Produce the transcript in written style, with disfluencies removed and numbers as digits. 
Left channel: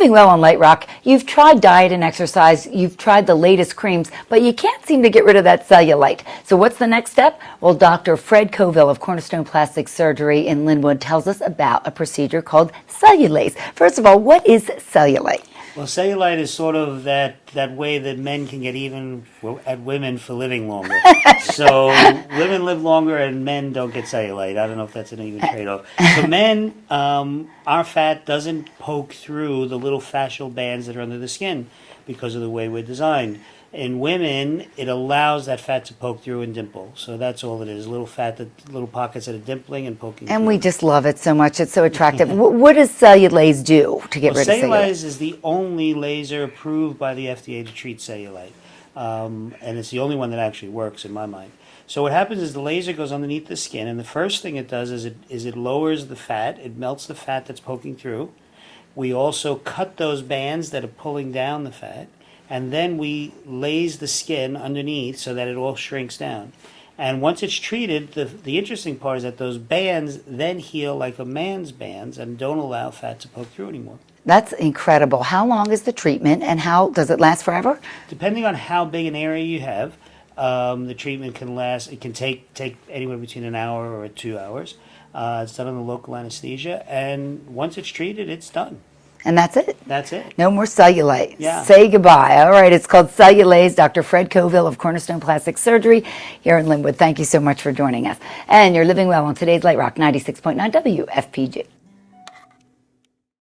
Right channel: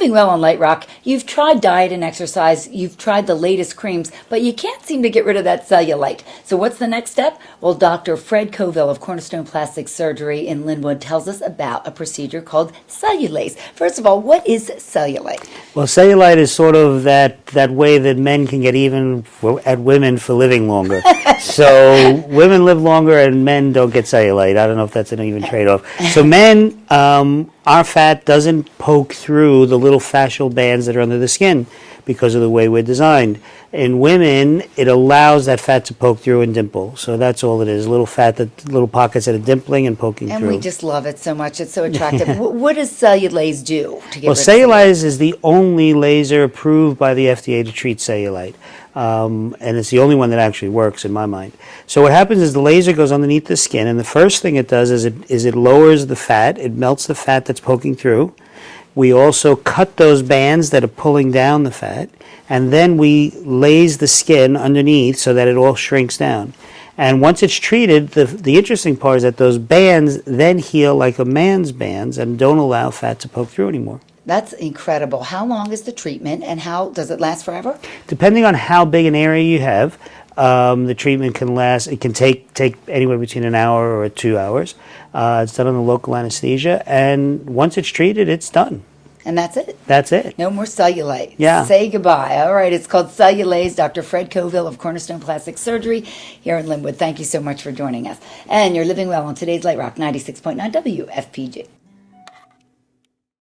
living well on Light Rock. You've tried diet and exercise, you've tried the latest creams, but you can't seem to get rid of that cellulite. So what's the next step? Well, Dr. Fred Coville of Cornerstone Plastic Surgery in Linwood tells us about a procedure called Cellulaze. First of all, what is cellulite? Well, cellulite is sort of that way that men can get even at women for living longer. So women live longer and men don't get cellulite. I don't know if that's an even trade-off. So men, our fat doesn't poke through the little fascial bands that are under the skin because of the way we're designed. In women, it allows that fat to poke through and dimple. So that's all it is, little pockets that are dimpling and poking through. And we just love it so much. It's so attractive. What does Cellulaze do to get rid of cellulite? Well, Cellulaze is the only laser approved by the FDA to treat cellulite. And it's the only one that actually works in my mind. So what happens is the laser goes underneath the skin, and the first thing it does is it lowers the fat. It melts the fat that's poking through. We also cut those bands that are pulling down the fat, and then we lase the skin underneath so that it all shrinks down. And once it's treated, the interesting part is that those bands then heal like a man's bands and don't allow fat to poke through anymore. That's incredible. How long is the treatment, and how does it last forever? Depending on how big an area you have, the treatment can last. It can take anywhere between an hour or 2 hours. It's done under local anesthesia, and once it's treated, it's done. And that's it? That's it. No more cellulite. Yeah. Say goodbye. All right, it's called Cellulaze. Dr. Fred Coville of Cornerstone Plastic Surgery here in Linwood. Thank you so much for joining us. And you're living well on today's Light Rock 96.9 WFPG.